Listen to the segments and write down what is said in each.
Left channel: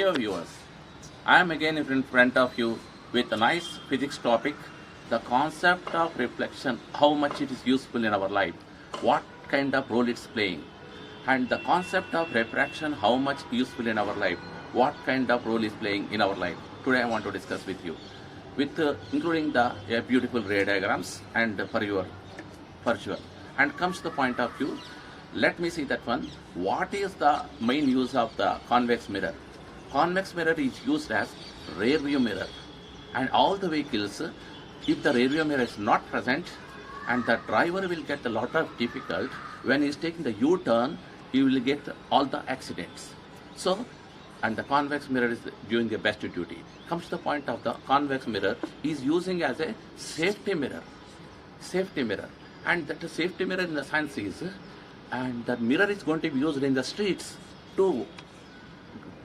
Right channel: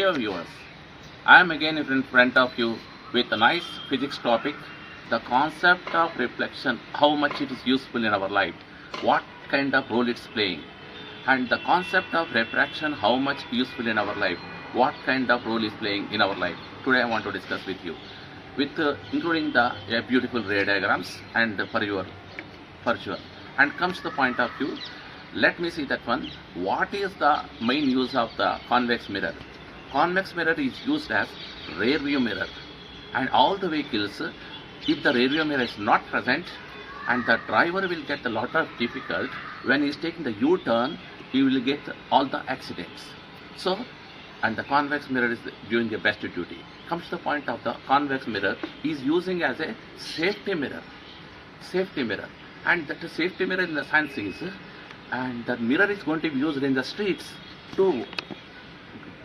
Dear viewers, I am again in front of you with a nice physics topic, the concept of reflection, how much it is useful in our life, what kind of role it's playing, and the concept of refraction, how much useful in our life, what kind of role is playing in our life. Today I want to discuss with you, with including the beautiful ray diagrams and for your virtual. And comes to the point of view, let me see that one. What is the main use of the convex mirror? Convex mirror is used as rear view mirror, and all the vehicles, if the rear view mirror is not present, and the driver will get a lot of difficult when he is taking the U-turn, he will get all the accidents. So, and the convex mirror is doing the best duty. Comes to the point of the convex mirror is using as a safety mirror, and that safety mirror in the sense is, and the mirror is going to be used in the streets to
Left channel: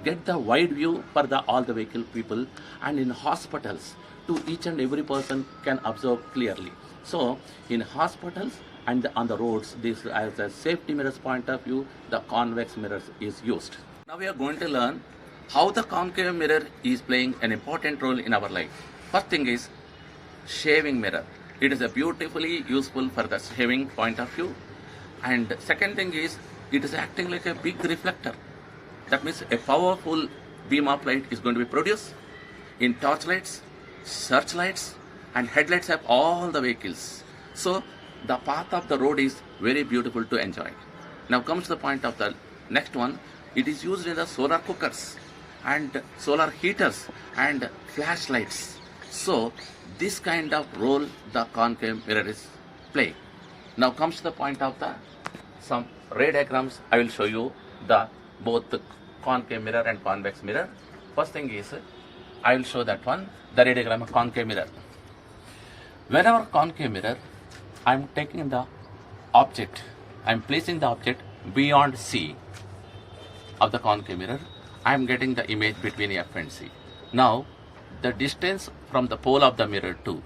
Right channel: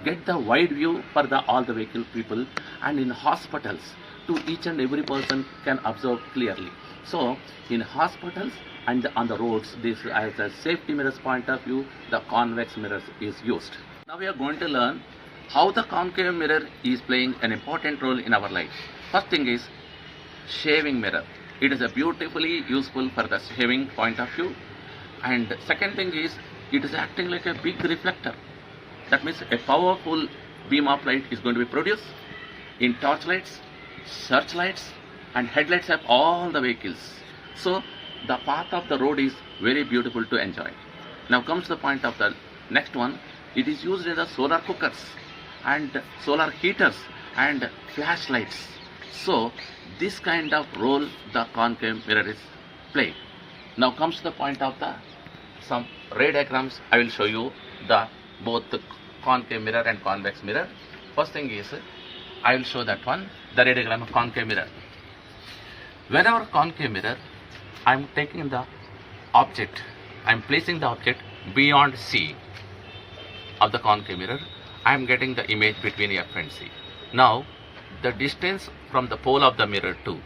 get the wide view for all the vehicle people, and in hospitals to each and every person can observe clearly. So in hospitals and on the roads, this as a safety mirrors point of view, the convex mirrors is used. Now we are going to learn how the concave mirror is playing an important role in our life. First thing is shaving mirror. It is a beautifully useful for the shaving point of view. And second thing is, it is acting like a big reflector. That means a powerful beam of light is going to be produced in torchlights, searchlights, and headlights of all the vehicles. So the path of the road is very beautiful to enjoy. Now comes the point of the next one. It is used in the solar cookers and solar heaters and flashlights. So this kind of role the concave mirror is playing. Now comes the point of the some ray diagrams. I will show you the both the concave mirror and convex mirror. First thing is, I will show that one, the ray diagram of concave mirror. Whenever concave mirror, I am taking the object, I am placing the object beyond C of the concave mirror. I am getting the image between F and C. Now the distance from the pole of the mirror to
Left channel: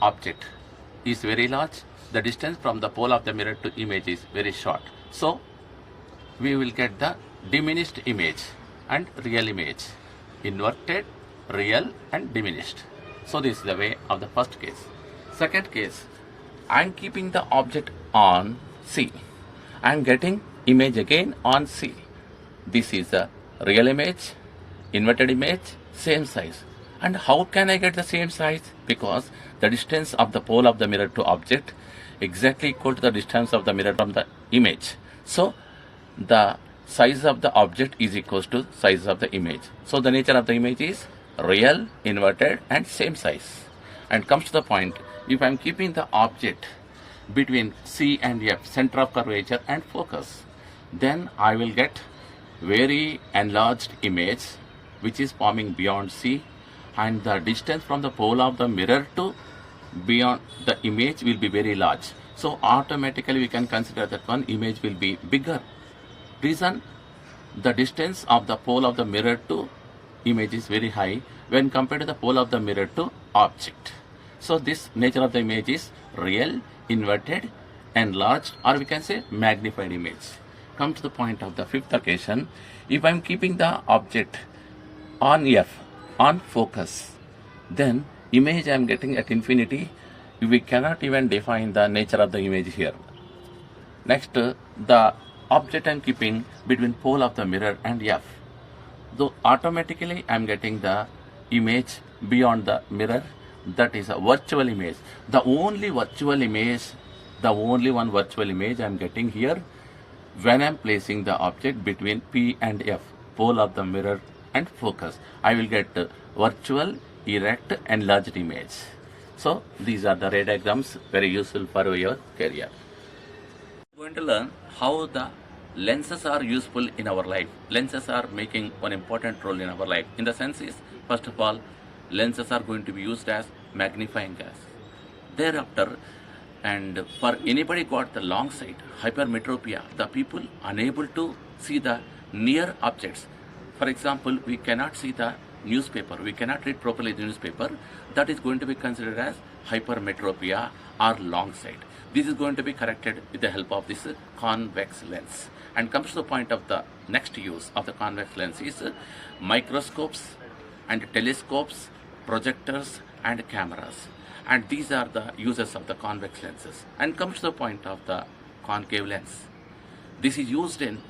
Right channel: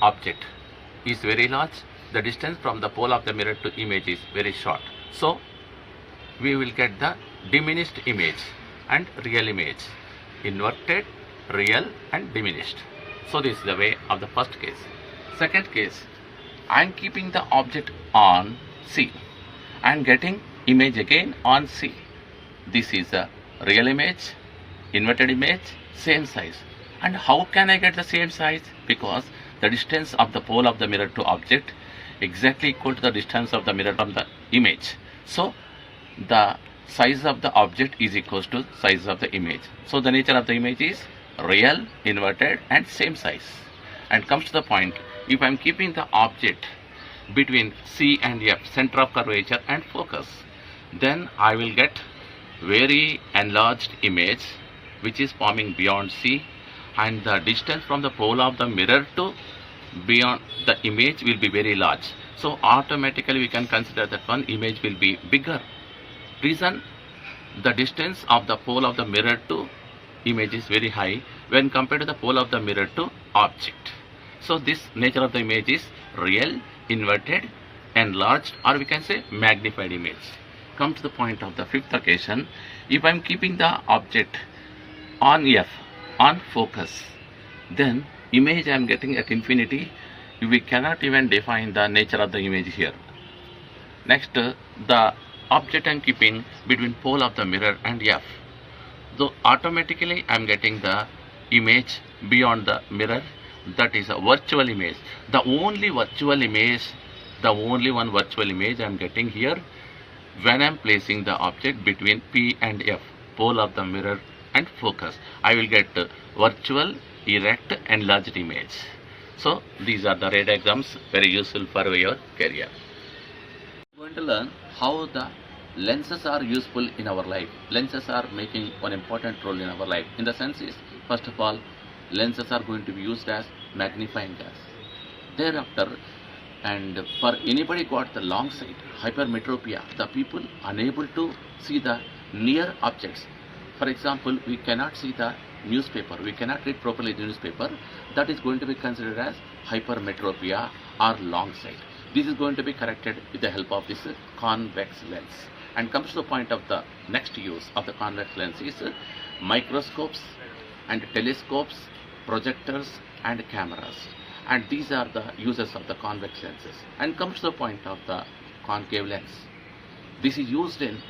object is very large. The distance from the pole of the mirror to image is very short. So we will get the diminished image and real image, inverted, real and diminished. So this is the way of the first case. Second case, I am keeping the object on C and getting image again on C. This is the real image, inverted image, same size. And how can I get the same size? Because the distance of the pole of the mirror to object exactly equal to the distance of the mirror from the image. So the size of the object is equal to size of the image. So the nature of the image is real, inverted and same size. And comes to the point, if I am keeping the object between C and F, center of curvature and focus, then I will get very enlarged image which is forming beyond C, and the distance from the pole of the mirror to beyond the image will be very large. So automatically we can consider that one image will be bigger. Reason, the distance of the pole of the mirror to image is very high when compared to the pole of the mirror to object. So this nature of the image is real, inverted, enlarged, or we can say magnified image. Come to the point of the fifth occasion. If I am keeping the object on F, on focus, then image I am getting at infinity. We cannot even define the nature of the image here. Next, the object I am keeping between pole of the mirror and F. So automatically I am getting the image beyond the mirror. That is a virtual image. The only virtual image, the only one virtual image I am getting here when I am placing the object between P and F, pole of the mirror and focus. I will get virtual, erect, enlarged image. So these are the ray diagrams, very useful for your career. We are going to learn how the lenses are useful in our life. Lenses are making one important role in our life. In the sense is, first of all, lenses are going to be used as magnifying glass. Thereafter, and for anybody got the long sight, hypermetropia, the people unable to see the near objects. For example, we cannot see the newspaper, we cannot read properly the newspaper. That is going to be considered as hypermetropia or long sight. This is going to be corrected with the help of this convex lens. And comes to the point of the next use of the convex lens is microscopes and telescopes, projectors and cameras. And these are the uses of the convex lenses. And comes to the point of the concave lens. This is used in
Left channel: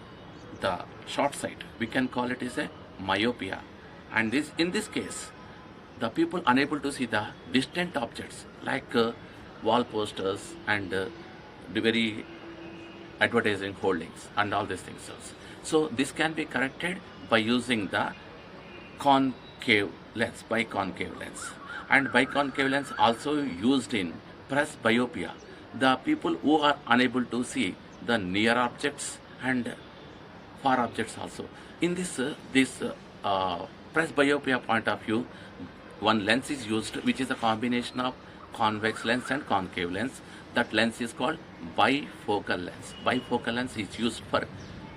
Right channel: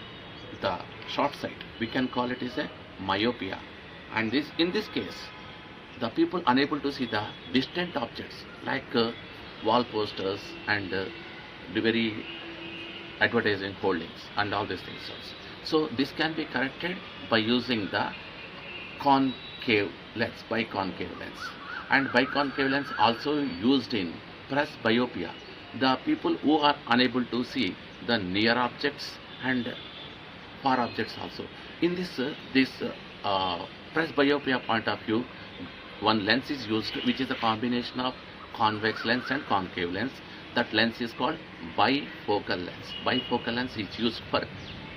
the short sight. We can call it as a myopia. And in this case, the people unable to see the distant objects like wall posters and the very advertising holdings and all these things. So this can be corrected by using the concave lens, biconcave lens. And biconcave lens also used in presbyopia. The people who are unable to see the near objects and far objects also. In this presbyopia point of view, one lens is used which is a combination of convex lens and concave lens. That lens is called bifocal lens. Bifocal lens is used for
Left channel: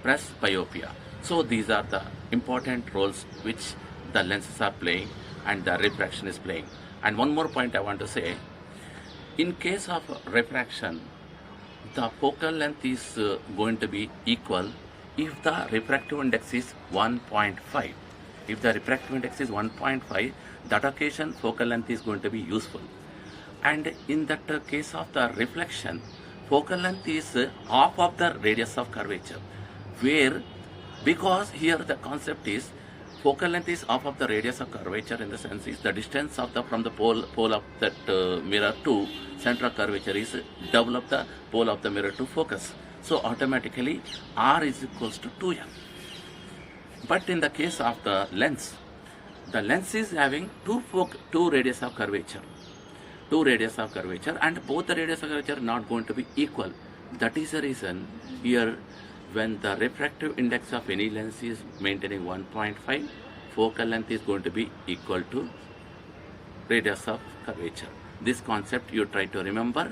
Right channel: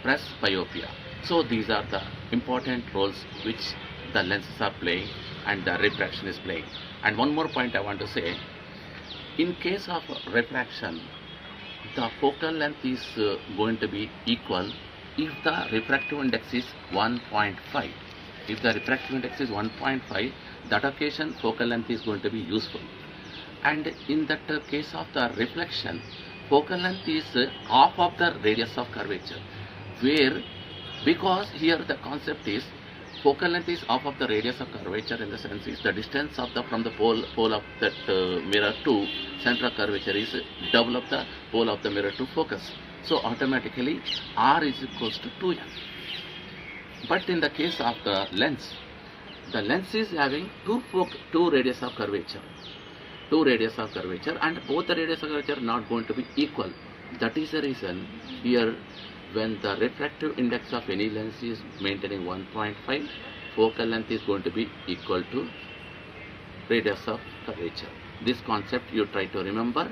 presbyopia. So these are the important roles which the lenses are playing and the refraction is playing. And one more point I want to say, in case of refraction, the focal length is going to be equal if the refractive index is 1.5. If the refractive index is 1.5, that occasion focal length is going to be useful. And in that case of the reflection, focal length is half of the radius of curvature, where because here the concept is focal length is half of the radius of curvature, in the sense is the distance of the from the pole of that mirror to center of curvature is double of the pole of the mirror to focus. So automatically R is equals to 2m. But in the case of the lens is having two radius of curvature. Two radius of curvature, and both the radius of curvature are not going to be equal. That is the reason here when the refractive index of any lens is maintaining 1.5, focal length is going to be equal to radius of curvature. This concept you try to remember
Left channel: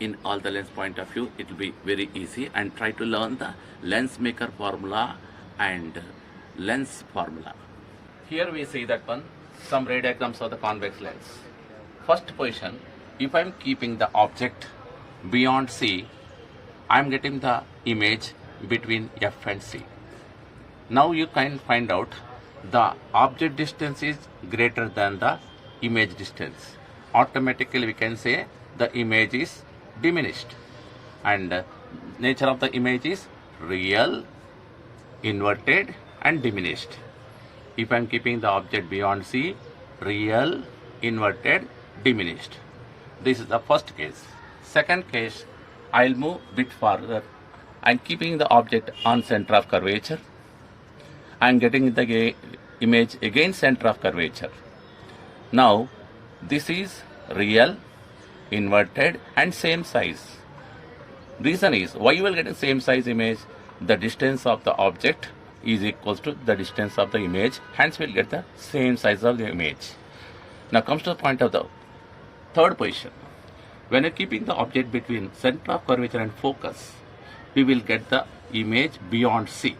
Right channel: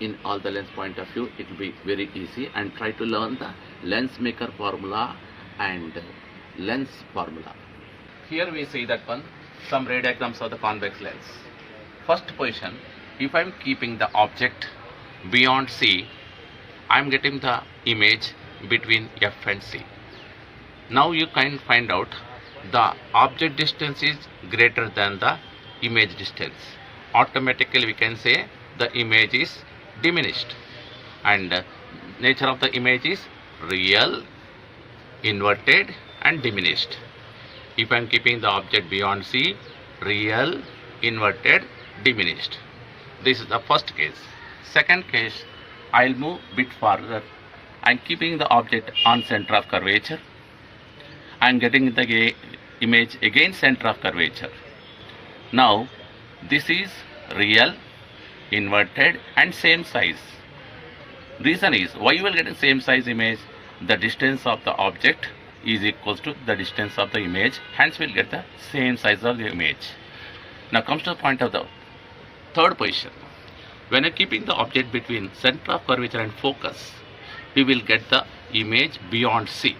in all the lens point of view. It will be very easy, and try to learn the lens maker formula and lens formula. Here we see that one, some ray diagrams of the convex lens. First position, if I am keeping the object beyond C, I am getting the image between F and C. Now you can find out the object distance is greater than the image distance. Automatically we can say the image is diminished, and nature of the image is real, inverted and diminished. If I am keeping the object beyond C, real, inverted, diminished. This is the first case. Second case, I will move bit further. I am keeping the object on center of curvature. I am getting the image again center of curvature. Now this is real, inverted and same size. Reason is why you will get the same size image. The distance of the object is equals to the distance of the image, hence we will get the same size of the image. Now comes to the point of the third position. When you are keeping the object between center of curvature and focus, we will get the image beyond C.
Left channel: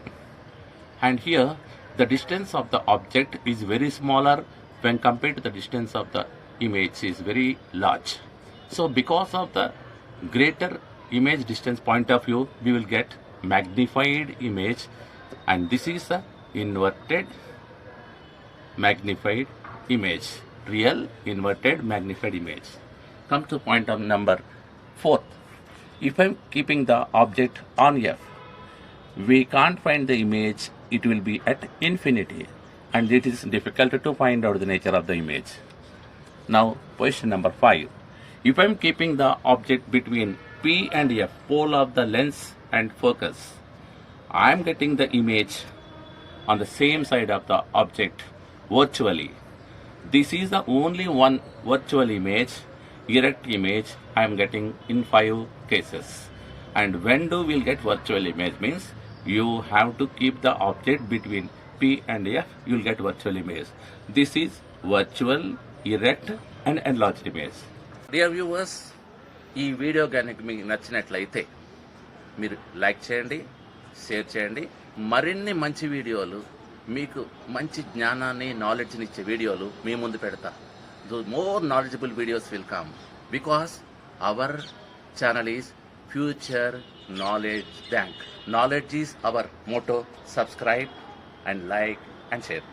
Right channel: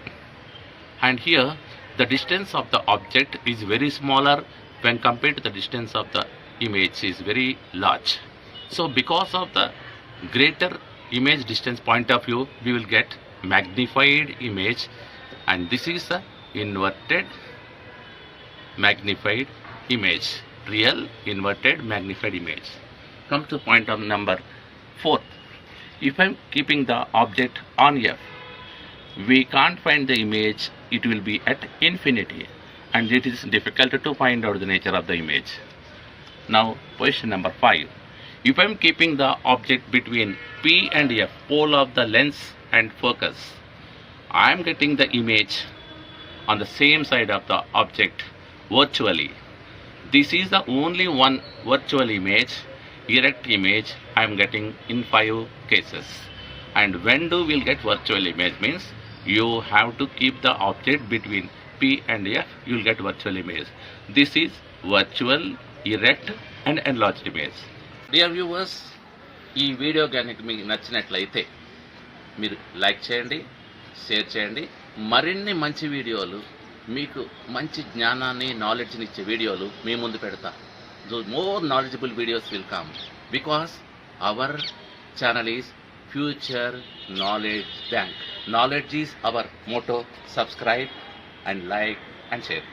And here the distance of the object is very smaller when compared to the distance of the image is very large. So because of the greater image distance point of view, we will get magnified image, and this is the inverted magnified image. Real, inverted, magnified image. Come to point of number 4. If I am keeping the object on F, we can't find the image, it will be at infinity, and it is difficult to find out the nature of the image. Now position number 5. If I am keeping the object between P and F, pole of the lens and focus, I am getting the image on the same side of the object virtually. This is the only one virtual image, erect image I am getting in 5 cases. And when do we get virtual image means you have to keep the object between P and F, you will get virtual image. This is virtual, erect and enlarged image. Dear viewers, ఈ video కనుక మీకు నచ్చినట్లయితే మీరు like చేయండి, share చేయండి. మరిన్ని మంచి వీడియోలు, మీకు మంచి జ్ఞానాన్ని, నాలెడ్జ్ని ఇచ్చే వీడియోలు మీ ముందు పెడతా. More knowledgeable videos will come because our channel is Future Knowledge Bank. Knowledge is our motto. Subscribe and like and share.